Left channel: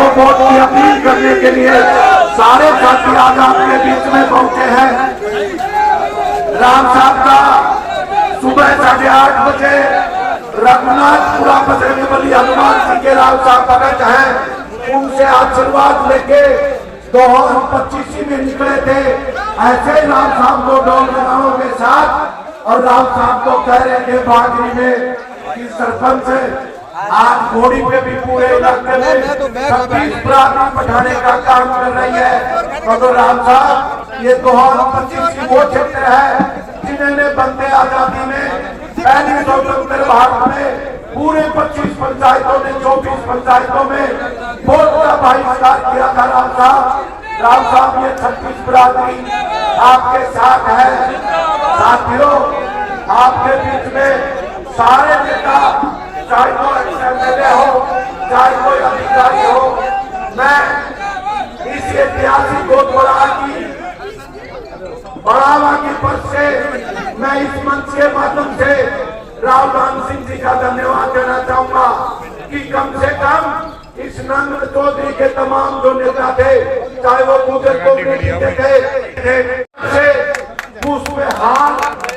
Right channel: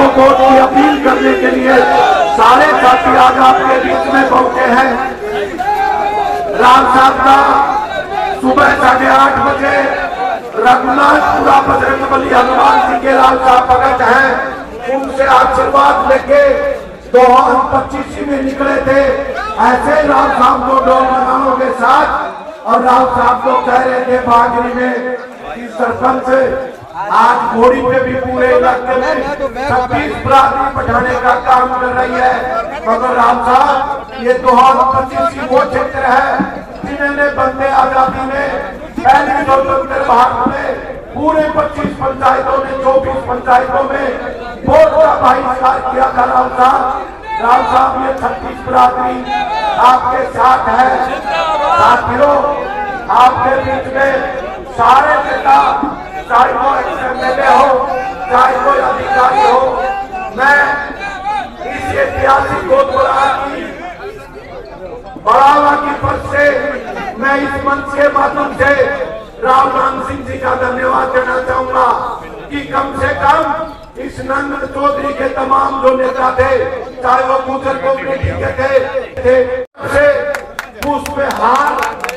को वोट की अपील करने के लिए सारे साथी आज आपके बीच में पहुंचे हैं। राम साहब का सुबह 8:30 बजे रघुनाथपुरा बजरंगबली हनुमान सिंह के राव साहब भगत हैं, उनसे आशीर्वाद लेके 2025 में निकले थे। ऐसे राव साहब को ढोल नगाड़ों के साथ और राव साहब को कह रहे थे बागरी में कि सरपंच आज घोड़ी पे भी पूरे इलाके में 26 बरादरी बैठाने का काम कर रही है। मगर राम साहब ये 2025 की वो क्षेत्र है जिन्होंने बंदे आजादी में पहली स्वतंत्र भारत में पूरे 25 पंचायतों ने 24 पंचायतों में वोट का बहिष्कार किया था। राम साहब ये 26 बरादरी आपके साथ है। साथियों, आपके बीच में सारे नेता, चाहे वो एमएलए हो, चाहे कोई अधिकारी हो, मैं इस ऐतिहासिक गोदबरा की बढ़ावा की पद से मैं इस मंच के माध्यम से राव राम सिंह जी का धन्यवाद देना चाहूंगा कि कम से कम इस नंद चौधरी के तमाम जो नेता थे, चाहे वो गुजर कम्युनिटी के थे, पुष्प हार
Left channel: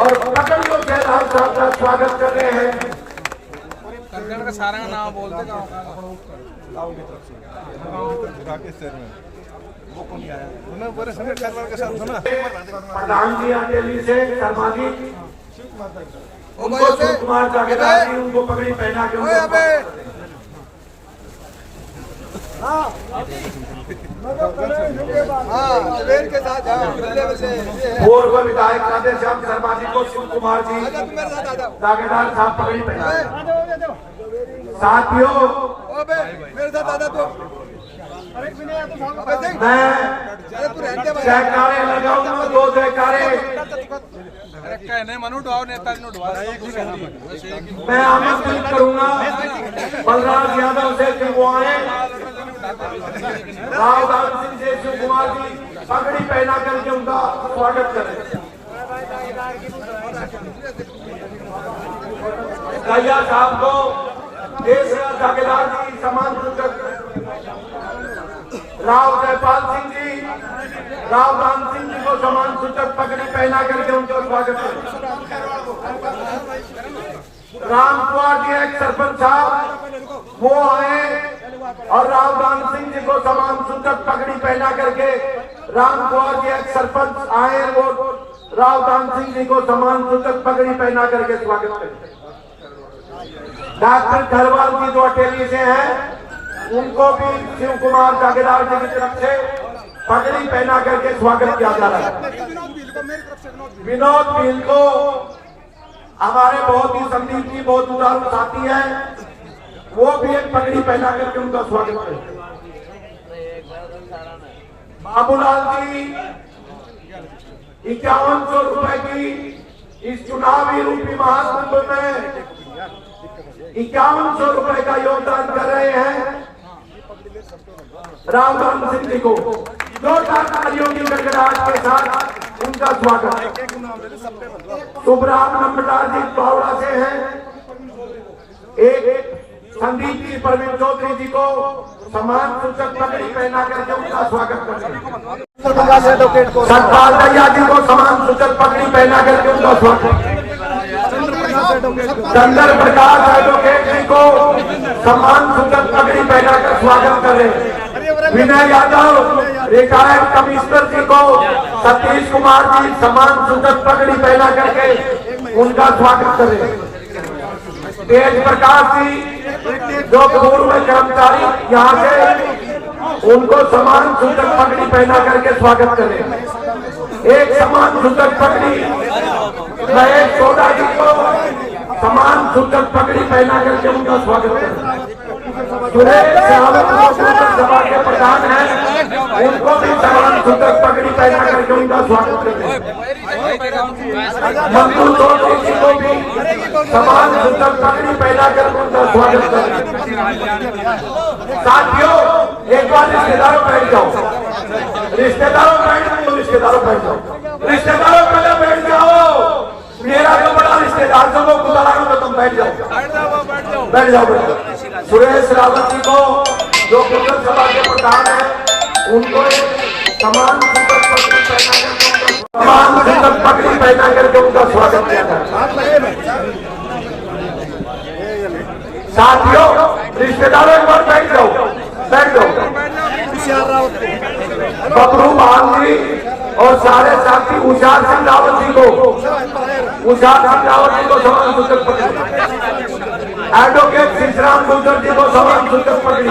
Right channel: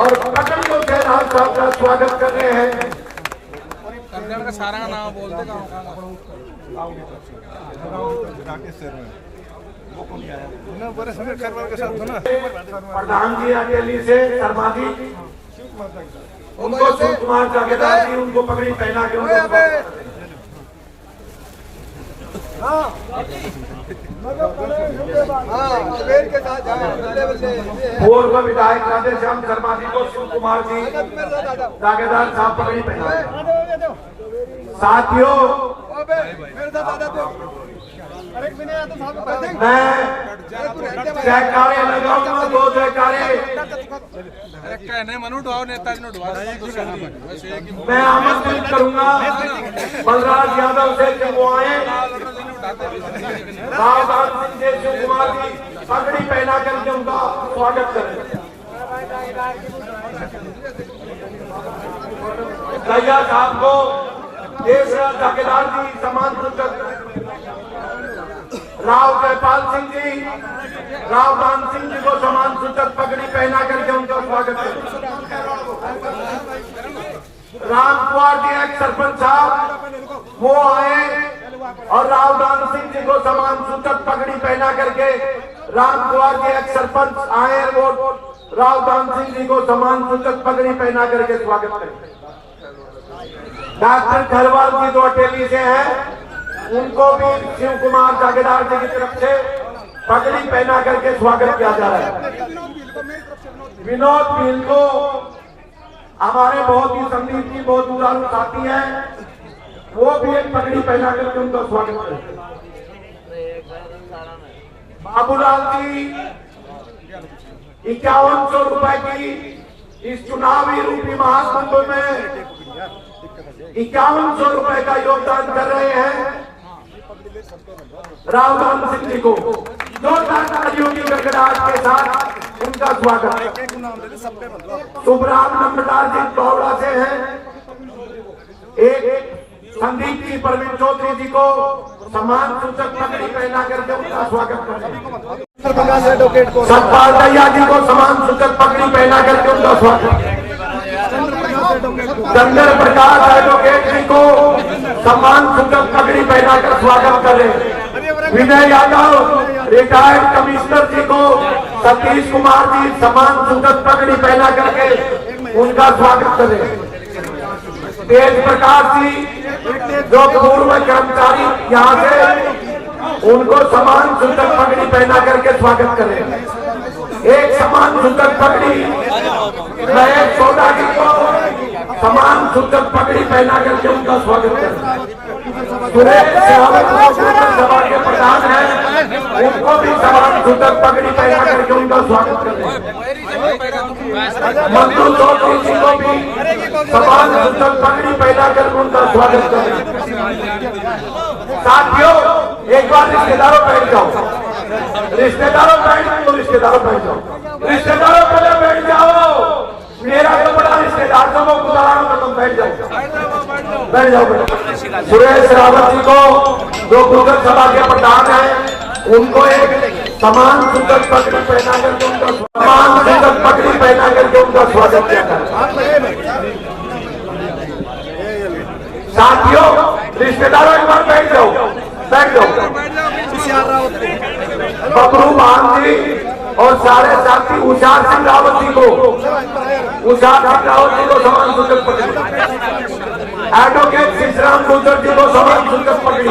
और पकड़ों से राम साहब का स्वागत कर रहे हैं। का सारा नाम बोलते प्रधान जी अकेली से शर्मा जी, उनको शिव कुमार जागीरदार जी उनको पगड़ी पहना के पूर्व विधायक राधेश्याम शर्मा जी को शिव कुमार जी जागीरदार साहब पगड़ी पहना। साथियों, मैं जयकारे लगाऊंगा, 2 जयकारे। मैं आमंत्रित करूंगा बलराज यादव से कि वो आए, राव राम सिंह से शिव कुमार जी पगड़ी पहना करके उनका स्वागत करें। भैया साहब को जागीरदार जी सम्मान राव जयपाल सिंह जी, राव राम सिंह जी को सम्मान सूचक पगड़ी पहना करके उनका स्वागत है। राम कुमार जी एक सरपंच साहब वो आए और राव राम सिंह जी को सम्मान सूचक पगड़ी पहना करके राम कुमार जी एक सरपंच आए वो राव राम सिंह जी को सम्मान सूचक पगड़ी पहना करके स्वागत करें। डॉक्टर खरवाल जी जो अटेली से हैं, उनको भी शिव कुमार जागीरदार जी की तरफ से पगड़ी पहना करके स्वागत किया जा रहा है। विनोद भील को हमारे बहुत ही संदीप जी बहुत उदार साथी हैं, वो भी एक पगड़ी पहना करके उनका स्वागत करें। बाबूलाल जी 5100 रुपए की इस चुनावी रूपी महाकुंभ में 5100 रुपए का योगदान कर रहे हैं। राव राम सिंह जी को जोरदार तालियों की गड़गड़ाहट के साथ उनका स्वागत। सुखराम नंबरदार जी कौड़ा से हैं, एक संदीप जी प्रवीण चौधरी जी को सम्मान सूचक पगड़ी पहना करके उनका स्वागत करें। सतपाल दैया जी को सम्मान सूचक पगड़ी पहना करके उनका स्वागत। चंद्र प्रकाश एडवोकेट जी को सम्मान सूचक पगड़ी पहना कर स्वागत करें। विनय यादव रिटायर्ड कमिश्नर जी को सतीश कुमार जी सम्मान सूचक पगड़ी पहना करके उनका स्वागत करें। तेज प्रकाश जी जो पूर्व कर्मचारी यहाँ से, उनको सम्मान सूचक पगड़ी पहना करके स्वागत करें। एक सम्मान सूचक पगड़ी महेश सौदा जी को सम्मान सूचक पगड़ी पहना करके उनका स्वागत करें। सुरेश सभा के प्रधान हैं, उनको भी सम्मान सूचक पगड़ी पहना करके उनका स्वागत करें। मंजू चौधरी जी को भी सम्मान सूचक पगड़ी पहना करके उनका स्वागत करें। साथियों, एक बार रिश्तेदारों बैठ जाओ, रिश्तेदारों बैठ जाओ, रिश्तेदारों बैठ जाओ, रिश्तेदारों पहले बैठ जाओ। मेरा तो बड़ा रिश्तेदार से वो गुजारा तो तुम बैठ जाओ, बैठ जाओ। सुरेश रावत जी को जो गुजर सभा के प्रधान है उनको एक समान सुंदर पगड़ी पहना करके समान सुंदर पगड़ी पहना करके उनका स्वागत किया जाए। साथियों, रिश्तेदारों एक बार बैठ जाओ, बैठ जाओ। बबरू मान जी और सारे साथी उषार सिंह रावत जी को समान सुंदर पगड़ी, एडवोकेट शिशराम गुजर जी को समान सुंदर पगड़ी,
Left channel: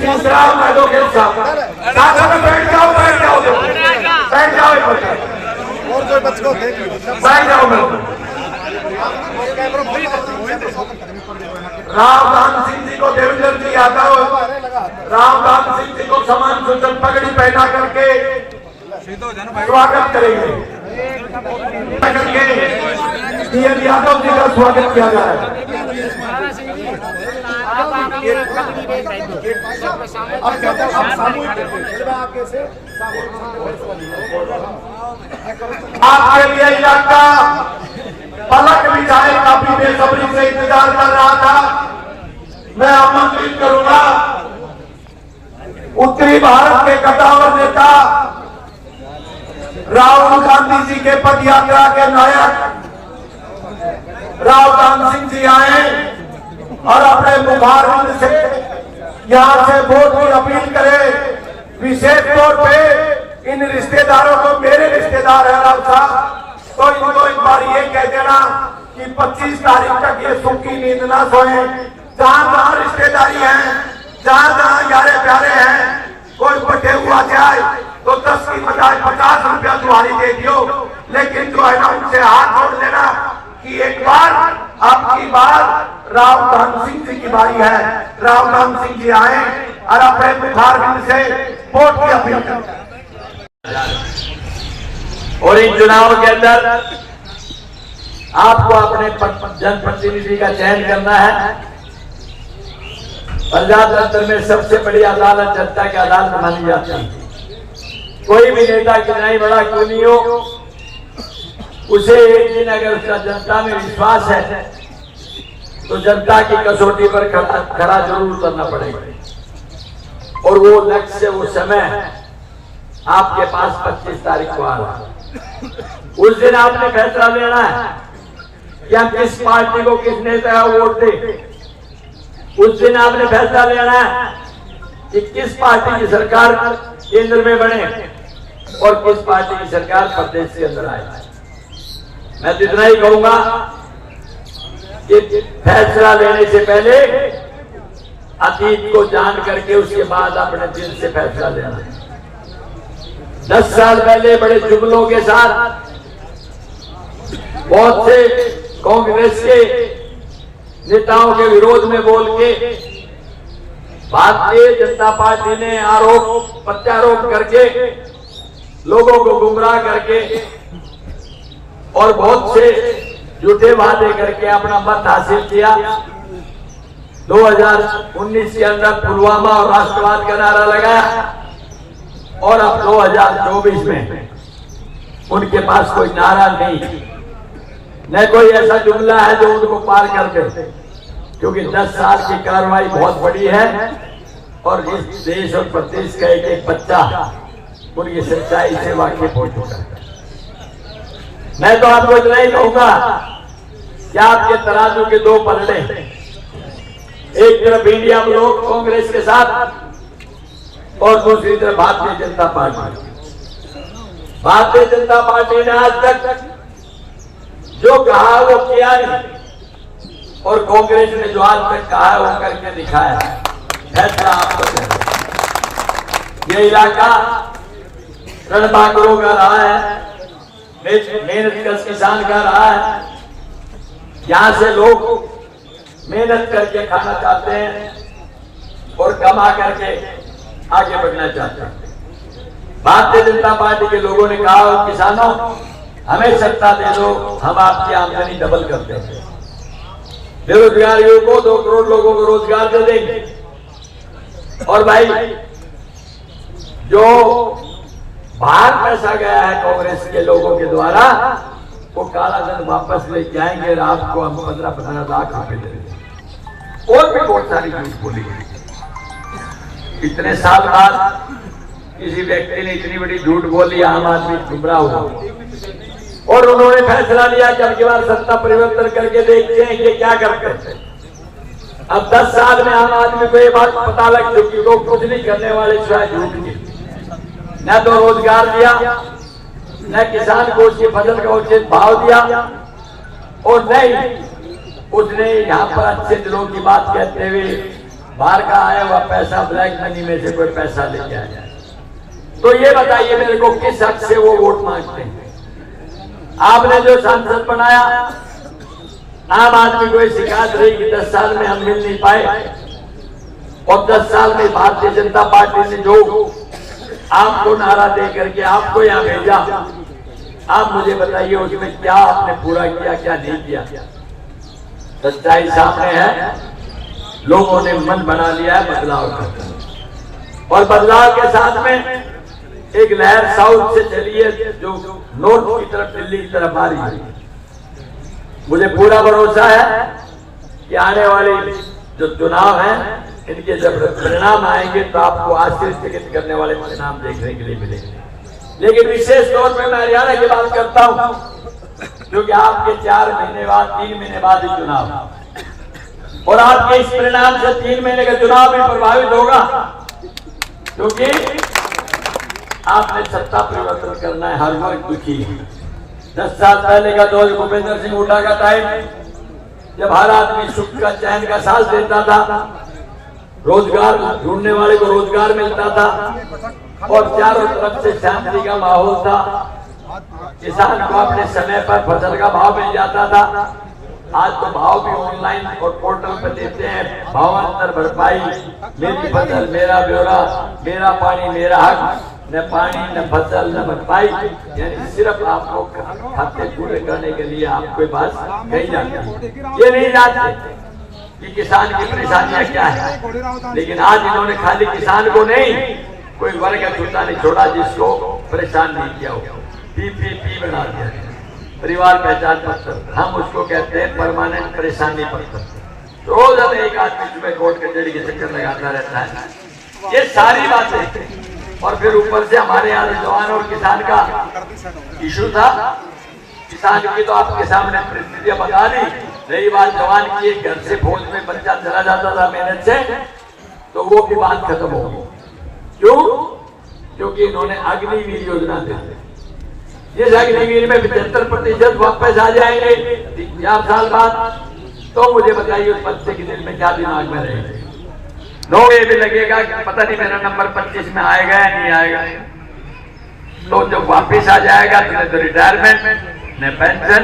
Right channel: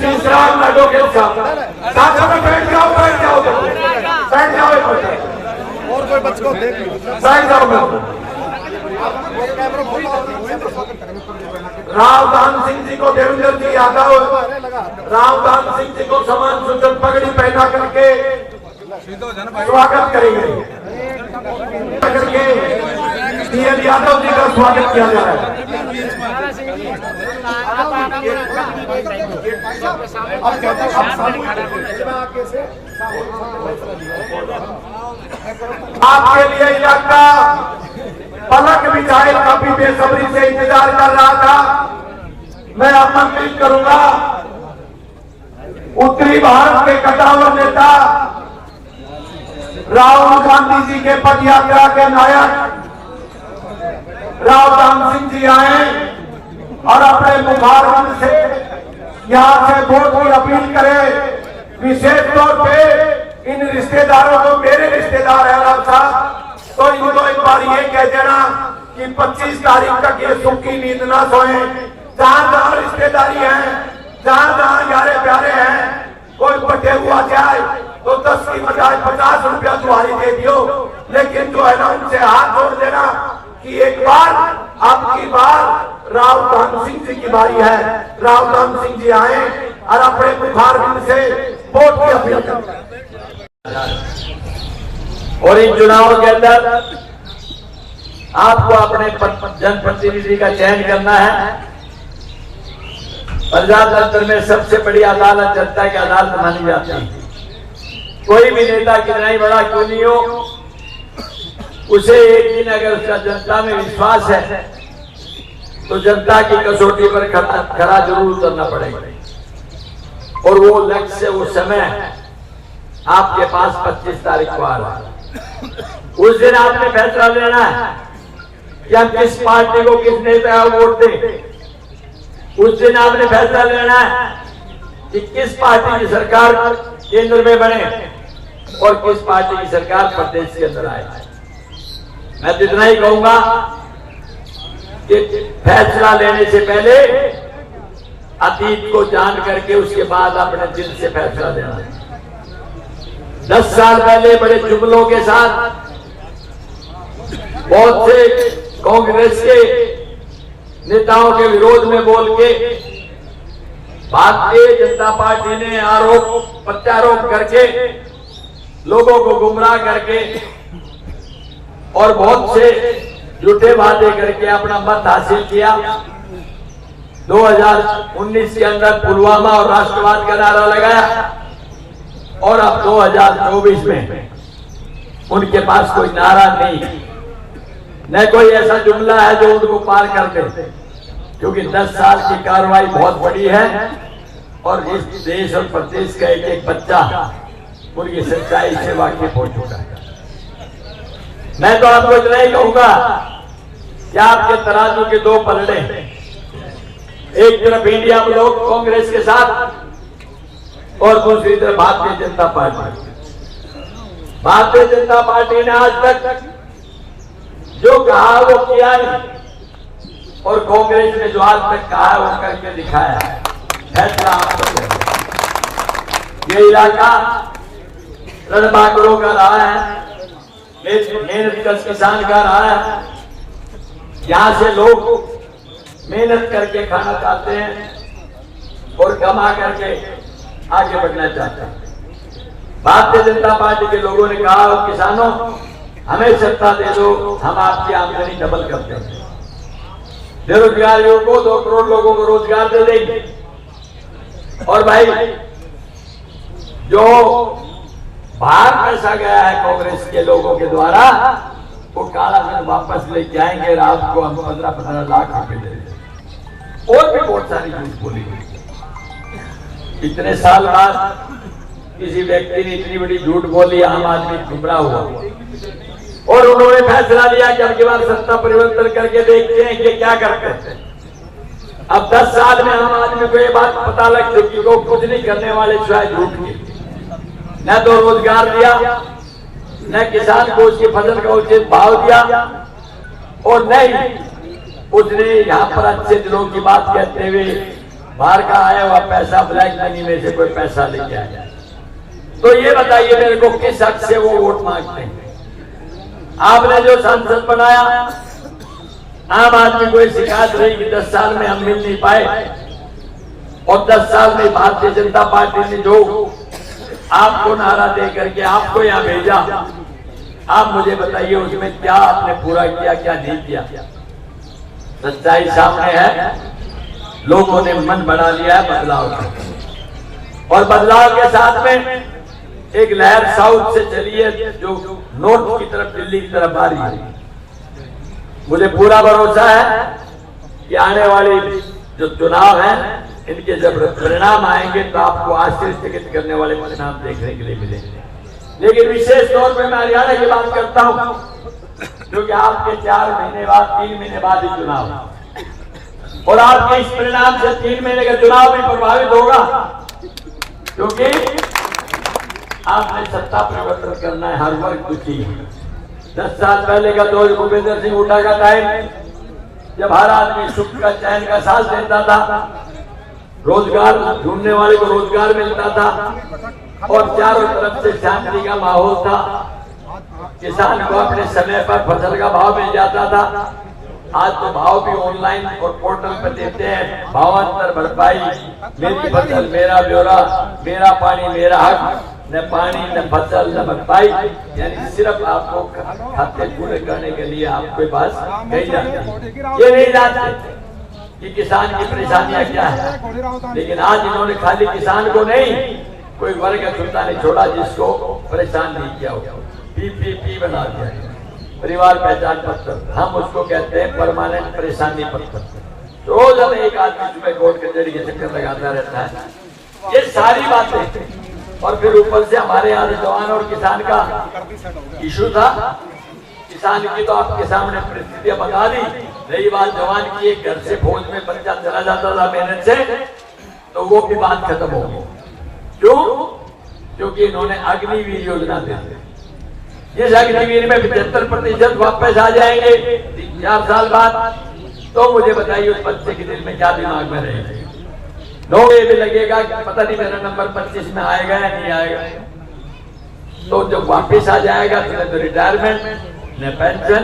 शिशराम एडवोकेट साहब बैठ जाओ, बैठ जाओ, बैठ जाओ, और कोई बच्चों बैठ जाओ। रावदान सिंह जी को देवेंद्र जी यादव, रावदान सिंह जी को समान सुंदर पगड़ी पहना करके स्वागत करेंगे, करके DL यादव जी का स्वागत किया जाए। अब कहते हैं आप सामूहिक आपके लिए इलाका पलक बिछाए काफी बेसब्री से इंतजार कर रहा था। मैं आमंत्रित करूंगा उत्तरी भारत के कद्दावर नेता राहुल गांधी जी के पद यात्रा के नायक रावदान सिंह जी आए और अपने मुखारबिंद से यहां से वोट की अपील करें। विशेष तौर पे इन रिश्तेदारों को, मेरे रिश्तेदार है राव साहब, तो इनको एक बार ये कह देना कि 25 तारीख तक ये सुखी नींद ना सोए। जहां जहां रिश्तेदारी है, जहां जहां यारे प्यारे हैं, कोई बटे हुआ जाए तो 10 की बजाय 50 रुपया तुम्हारी दे दियो, लेकिन जो है ना उनसे हाथ जोड़ देना कि एक बार आपकी बार रावदान सिंह जी की बारी है। रावदान सिंह जी आए और अपने मुखारबिंद से वोट की अपील करें। और इन चुनाव के अंदर आपको अपने जनप्रतिनिधि का चयन करना है। प्रजातंत्र में सबसे बड़ी अदालत जनता की अदालत मानी जाती है। कोई भी नेता कितना ही बड़ा क्यों नहीं हो, उसे एक दिन अगर उसका जनता में विश्वास है तो जनता की कसौटी पर खरा जरूर उतरना पड़ेगा। और वो लक्ष्य, वो समय आपके पास 25 तारीख को आ रहा है। उस दिन आपने फैसला लेना है कि हम किस पार्टी को, किस नेता को वोट दें। उस दिन आपने फैसला लेना है कि किस पार्टी की सरकार केंद्र में बने और किस पार्टी की सरकार प्रदेश के अंदर आए। मैं तो इतना ही कहूंगा कि फैसला लेने से पहले अतीत को जान करके उसके बाद अपने दिल से फैसला लेना। 10 साल पहले बड़े जुमलों के साथ बहुत से कांग्रेस के नेताओं के विरोध में बोल के भारतीय जनता पार्टी ने आरोप प्रत्यारोप करके लोगों को गुमराह करके और बहुत से झूठे वादे करके अपना मत हासिल किया। 2019 के अंदर पुलवामा और राष्ट्रवाद का नारा लगाया और अब 2024 में उनके पास कोई नारा नहीं, न कोई ऐसा जुमला है जो उनको पार कर दे, क्योंकि 10 साल की कार्रवाई बहुत बड़ी है और इस देश और प्रदेश का एक एक बच्चा उनकी सच्चाई से वाकिफ हो चुका है। मैं तो आपको इतना ही कहूंगा कि आपके तराजू के 2 पलड़े, एक तरफ इंडिया ब्लॉक कांग्रेस के साथ और दूसरी तरफ भारतीय जनता पार्टी। भारतीय जनता पार्टी ने आज तक जो कहा वो किया नहीं और कांग्रेस ने जो आज तक कहा वो करके दिखाया। फैसला आपका है। ये इलाका रणबांकुरों का रहा है, मेहनत का किसान का रहा है। यहाँ से लोग मेहनत करके खाना चाहते हैं और कमा करके आगे बढ़ना चाहते हैं। भारतीय जनता पार्टी के लोगों ने कहा, किसानों हमें सत्ता दे दो, हम आपकी आमदनी डबल कर देंगे। बेरोजगारियों को 2 करोड़ लोगों को रोजगार दे देंगे। और भाई जो बाहर पैसा गया है कांग्रेस के लोगों के द्वारा, वो काला धन वापस लेके आएंगे। आपको हम 15-15 लाख रुपए दे देंगे। और भी बहुत सारी चीज बोली गई। इतने साल बाद किसी व्यक्ति ने इतनी बड़ी झूठ बोली, आम आदमी गुमराह हुआ और उन्होंने फैसला लिया कि अब की बार सत्ता परिवर्तन करके देखते हैं कि क्या करते हैं। अब 10 साल में आम आदमी को ये बात पता लग चुकी, लोग कुछ नहीं करने वाले सिवाय झूठ के। न तो रोजगार दिया, न किसान को उसकी फसल का उचित भाव दिया, और न ही उसने यहाँ पर अच्छे दिनों की बात कहते हुए बाहर का आया हुआ पैसा, ब्लैक मनी में से कोई पैसा लेके आया। तो ये बताइए मेरे को, किस हक से वो वोट मांगते हैं? आपने जो सांसद बनाया, आम आदमी को शिकायत रही कि 10 साल में हम मिल नहीं पाए, और 10 साल में भारतीय जनता पार्टी ने जो आपको नारा दे करके आपको यहाँ भेजा, आप मुझे बताइए उसमें क्या आपने पूरा किया, क्या नहीं किया? सच्चाई सामने है। लोगों ने मन बना लिया है बदलाव का, और बदलाव के साथ में एक लहर साउथ से चली है जो नॉर्थ की तरफ, दिल्ली की तरफ आ रही है। मुझे पूरा भरोसा है कि आने वाले जो चुनाव है, इनके जब परिणाम आएंगे तो आपको आश्चर्यचकित करने वाले परिणाम देखने के लिए मिलेंगे। लेकिन विशेष तौर पर मैं हरियाणा की बात करता हूं, क्योंकि आपके 4 महीने बाद, 3 महीने बाद ही चुनाव, और आपके इस परिणाम से 3 महीने का चुनाव भी प्रभावित होगा, क्योंकि आपने सत्ता परिवर्तन करना है। हर वर्ग दुखी है। 10 साल पहले का दौर भूपेंद्र सिंह हुड्डा का टाइम, जब हर आदमी सुख का, चैन का सांस लेता था, रोजगार ढूंढने वाले को रोजगार मिलता था, और चारों तरफ से शांति का माहौल था। किसान को अपने समय पर फसल का भाव मिल जाता था। आज तो भाव भी ऑनलाइन और पोर्टल पर देते हैं, भावांतर भरपाई, मेरी फसल मेरा ब्यौरा, मेरा पानी मेरा हक, न पानी न फसल न भरपाई, यानी सिर्फ आपको खाते पूरे करने के लिए आपके पास कही जाती है। ये नहीं जानते कि किसान की परेशानियां क्या है। लेकिन आज इन्होंने खाली किसान को नहीं, कोई वर्ग छूटा नहीं छोड़ा जिसको परेशान नहीं किया हो। PPP बना दिया, परिवार पहचान पत्र, हम उसको कहते हैं परमानेंट परेशानी पत्र। रोज हमें एक आदमी सुबह कोर्ट कचहरी के चक्कर लगाता रहता है। ये सारी बातें, और फिर ऊपर से हमारे यहाँ जवान और किसान का इशू था। किसान की तो आपके सामने परिस्थितियां बता दी। रही बात जवान की, एक घर से फौज में बच्चा चला जाता था मेहनत से, तो वो भी बात खत्म हो गई। क्यों? क्योंकि इन्होंने अग्निवीर योजना दी। इस अग्निवीर में 75% वापस आ जाएंगे 4 साल बाद। तो मुझे बताइए उस बच्चे के दिल में क्या दिमाग में रहेगा? लोग ये भी लगेगा कि पता नहीं मेरा नंबर 25 में आएगा या नहीं आएगा। तो जब वापिस आ जाएगा तो रिटायरमेंट, न पेंशन,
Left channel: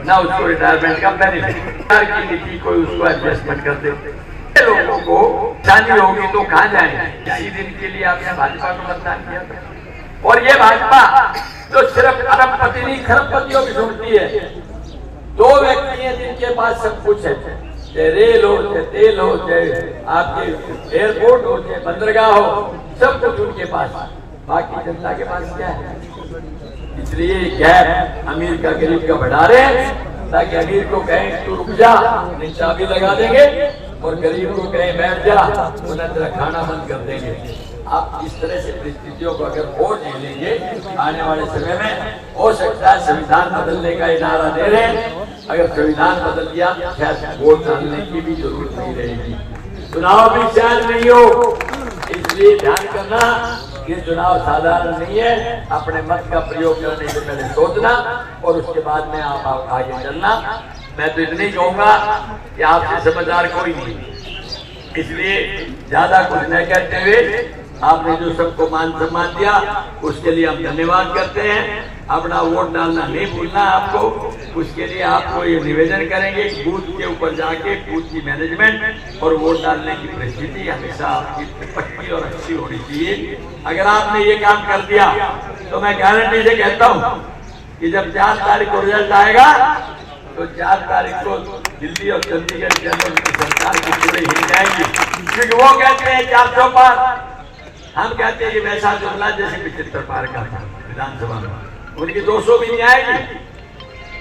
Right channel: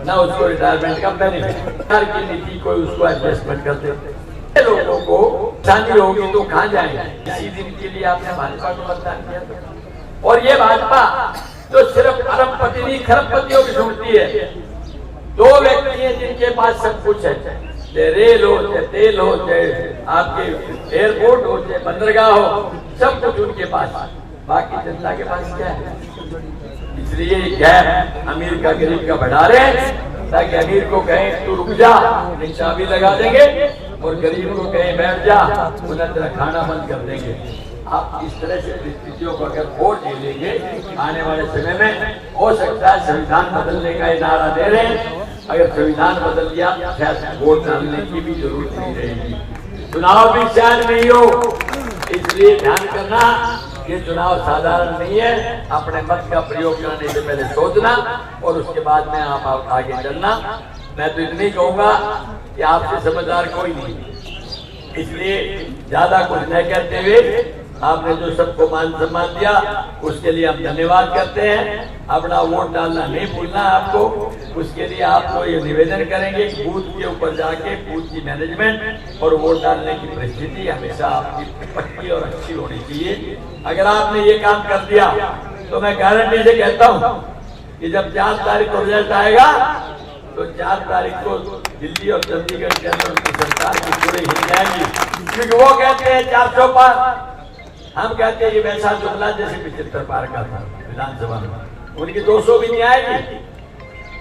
न उसको रिटायरमेंट का बेनिफिट। की नीति कोई उसको एडजस्टमेंट कर दे। लोगों को शादी होगी तो कहाँ जाएंगे? इसी दिन के लिए आपने भाजपा को मतदान किया था। और ये भाजपा जो सिर्फ अरबपति नहीं, खरबपतियों की ढूंढती है। 2 व्यक्ति हैं जिनके पास सब कुछ है, चाहे रेल हो, चाहे तेल हो, चाहे आपके एयरपोर्ट हो, चाहे बंदरगाह हो, सब कुछ उनके पास। बाकी जनता के पास क्या है? इसलिए गैप अमीर का गरीब का बढ़ा रहे हैं, ताकि अमीर को कहें तू रुक जा, नहीं चाबी लगा देंगे, और गरीब को कहें बैठ जा, उन्हें तेरा खाना बंद कर देंगे। आप इस तरह से परिस्थितियों को अगर और झेलेंगे, आने वाले समय में हो सकता है संविधान बदलने का नारा दे रहे हैं। अगर संविधान बदल गया, शायद वोट डालने की भी जरूरत नहीं रहेगी, चुनाव भी शायद नहीं हो। इसलिए ध्यान करना, ये चुनाव साधारण नहीं है। अपने मत का प्रयोग करने से पहले सोचना, और उसके बाद में आप आगे चलना। मैं तो इतनी कहूंगा कि आपसे समझदार कोई नहीं, इसलिए ज्यादा कुछ न कहते हुए आपने जो सबको मान सम्मान दिया, उसके लिए हम धन्यवाद करते हैं। अपना वोट डालना नहीं भूलना आपको। उसके लिए आपको ये निवेदन करेंगे, बूथ के ऊपर जाके बूथ की मैनेजमेंट और वोट डालने की परिस्थिति हमेशा आपकी पक्की और अच्छी होनी चाहिए। अगर आपने ये काम कर दिया तो मैं गारंटी से कहता हूँ कि जब 4 तारीख को रिजल्ट आएगा, तो 4 तारीख को दिल्ली और चंडीगढ़ के अंदर की सरकार की पूरी हिल जाएंगी। क्योंकि वो कहते हैं 400 पार, हम कहते हैं ये वैसा जुमला जैसे 75 पार का था विधानसभा में, उनकी 200 भी नहीं आएगी।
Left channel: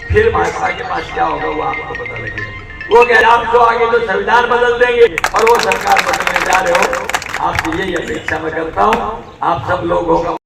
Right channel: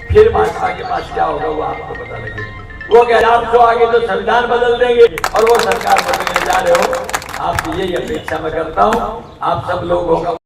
फिर भाजपा के पास क्या होगा वो आपको पता लगेगा। वो कह 400 आगे तो संविधान बदल देंगे, और वो सरकार बदलने जा रहे हो। आपसे यही अपेक्षा मैं करता हूँ। आप सब लोगों का